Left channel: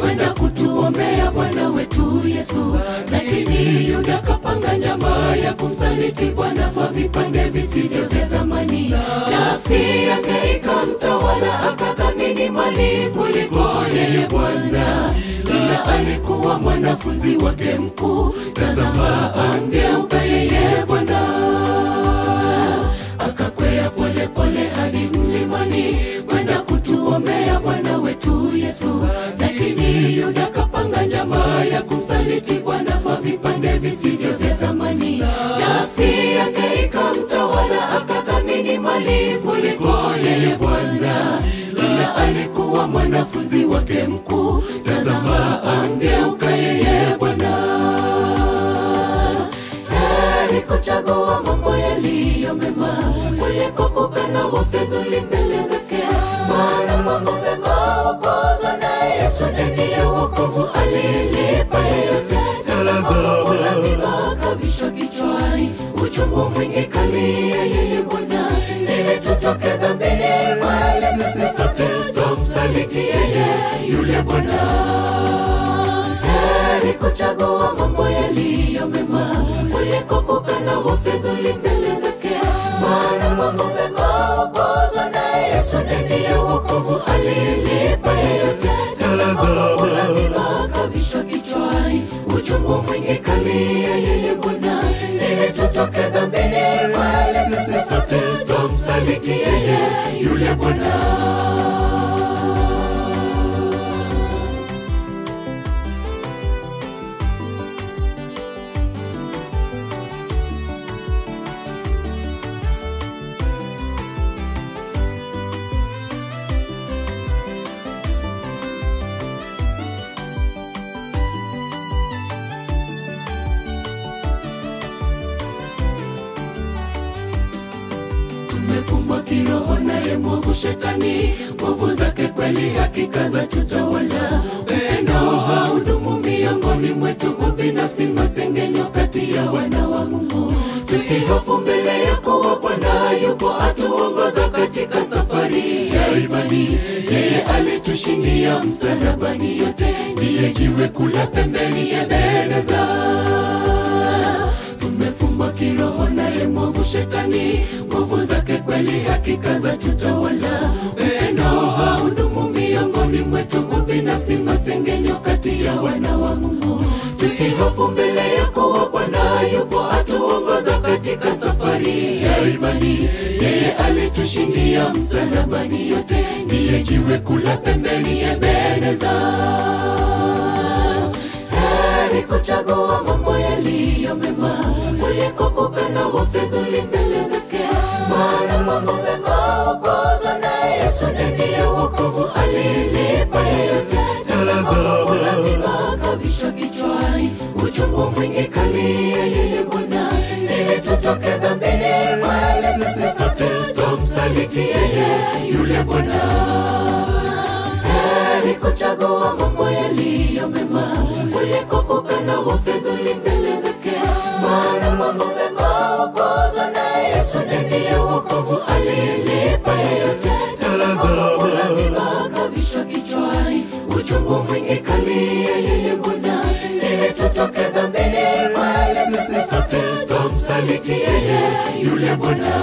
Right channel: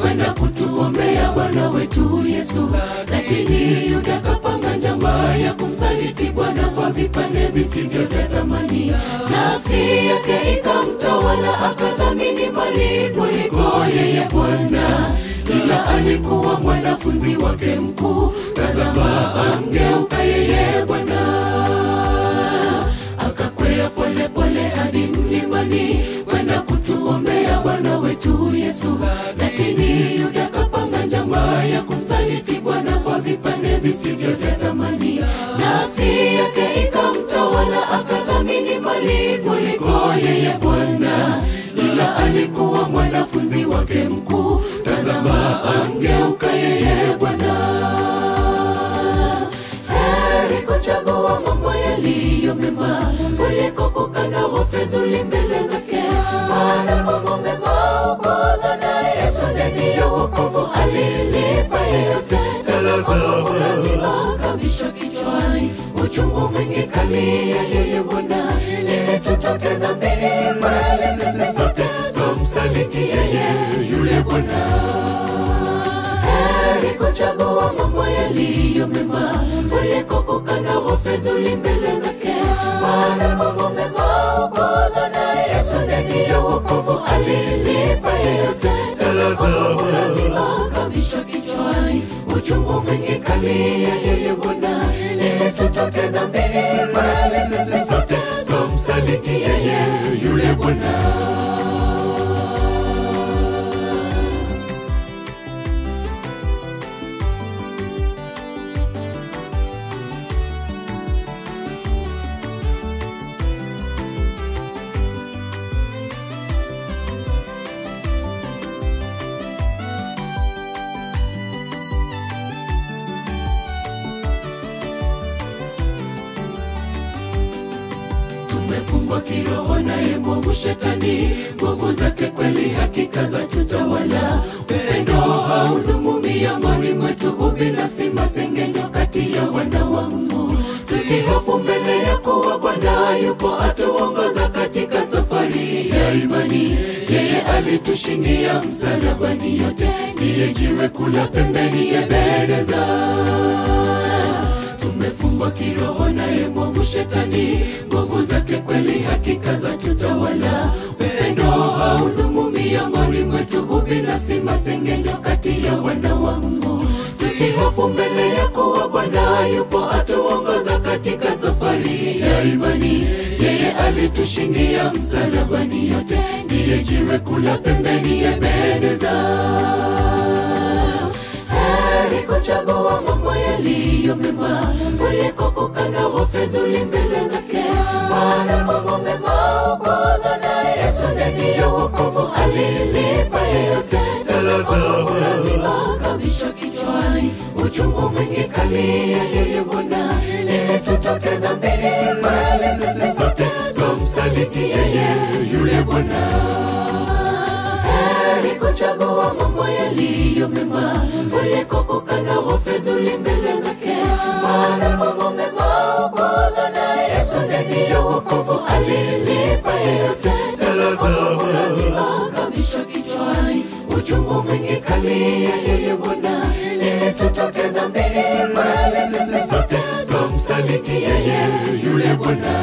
kwenda kutuombea Bwana wetu Yesu. Lakini Yuda kapanga njama ya kumsaliti Bwana kwa vipande visivyo vya thamani. Nafsi yake ikamtawala, akadhamini mali kuliko yeye Bwana. Ila alikuwa mwanafunzi wake mkuu, tazama angeuka yeye Bwana. Akakwea pole pole hadi mlimani kwenda kutuombea Bwana wetu Yesu. Lakini Yuda kapanga njama ya kumsaliti Bwana kwa vipande visivyo vya thamani. Nafsi yake ikamtawala, akadhamini mali kuliko yeye Bwana. Ila alikuwa mwanafunzi wake mkuu, tazama angeuka yeye Bwana. Heri kuchagua mambo yaliyo mema kuliko kukana wafedhuli mbele zake. Maana mambo mema huokoza, na Yesu ndani ya wokovu alilipa yeyote. Tazama mambo na miba kavishwa kichwani, uchungu mwingi kali ya yeye Bwana. Ili tutoke dhambini, bali sisi sote tumsaliti yeye yule Bwana. Heri kuchagua mambo yaliyo mema kuliko kukana wafedhuli mbele zake. Maana mambo mema huokoza, na Yesu ndani ya wokovu alilipa yeyote. Tazama mambo na miba kavishwa kichwani, uchungu mwingi kali ya yeye Bwana. Ili tutoke dhambini, bali sisi sote tumsaliti yeye yule Bwana. Tumefungwa kiroho naye mwovu Shetani, nguvu zake kweli hakika za tutawala. Upendo haudumu miongoni mwetu, ubinafsi, masengenyo kati ya wana wa Mungu. Tusihofu mbele yako wa Bwana, yupo atuongoza katika safari ya imani. Yeye alitushindia msalabani, yote ndiye jiwe kula pembeni ya bereza. Tumefungwa kiroho naye mwovu Shetani, nguvu zake kweli hakika za tutawala. Upendo haudumu miongoni mwetu, ubinafsi, masengenyo kati ya wana wa Mungu. Tusihofu mbele yako wa Bwana, yupo atuongoza katika safari ya imani. Yeye alitushindia msalabani, yote ndiye jiwe kula pembeni ya bereza. Heri kuchagua mambo yaliyo mema kuliko kukana wafedhuli mbele zake. Maana mambo mema huokoza, na Yesu ndani ya wokovu alilipa yeyote. Tazama mambo na miba kavishwa kichwani, uchungu mwingi kali ya yeye Bwana. Ili tutoke dhambini, bali sisi sote tumsaliti yeye yule Bwana. Heri kuchagua mambo yaliyo mema kuliko kukana wafedhuli mbele zake. Maana mambo mema huokoza, na Yesu ndani ya wokovu alilipa yeyote. Tazama mambo na miba kavishwa kichwani, uchungu mwingi kali ya yeye Bwana. Ili tutoke dhambini, bali sisi sote tumsaliti yeye yule Bwana.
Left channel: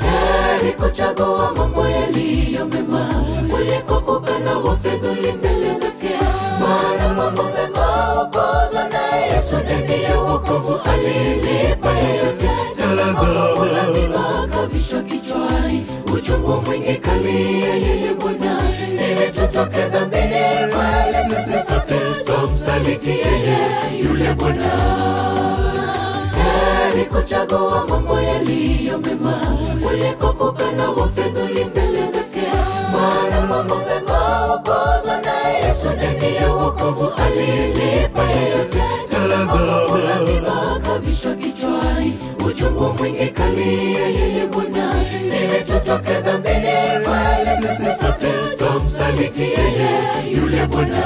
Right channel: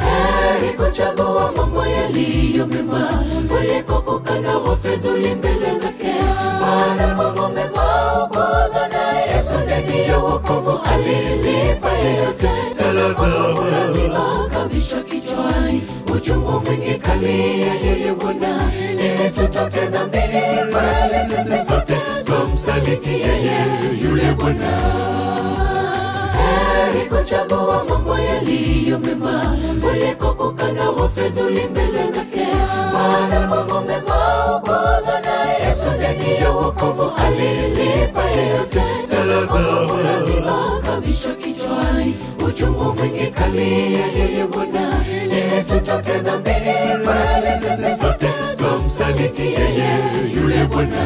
Heri kuchagua mambo yaliyo mema kuliko kukana wafedhuli mbele zake. Maana mambo mema huokoza, na Yesu ndani ya wokovu alilipa yeyote. Tazama mambo na miba kavishwa kichwani, uchungu mwingi kali ya yeye Bwana. Ili tutoke dhambini, bali sisi sote tumsaliti yeye yule Bwana. Heri kuchagua mambo yaliyo mema kuliko kukana wafedhuli mbele zake. Maana mambo mema huokoza, na Yesu ndani ya wokovu alilipa yeyote. Tazama mambo na miba kavishwa kichwani, uchungu mwingi kali ya yeye Bwana. Ili tutoke dhambini, bali sisi sote tumsaliti yeye yule Bwana.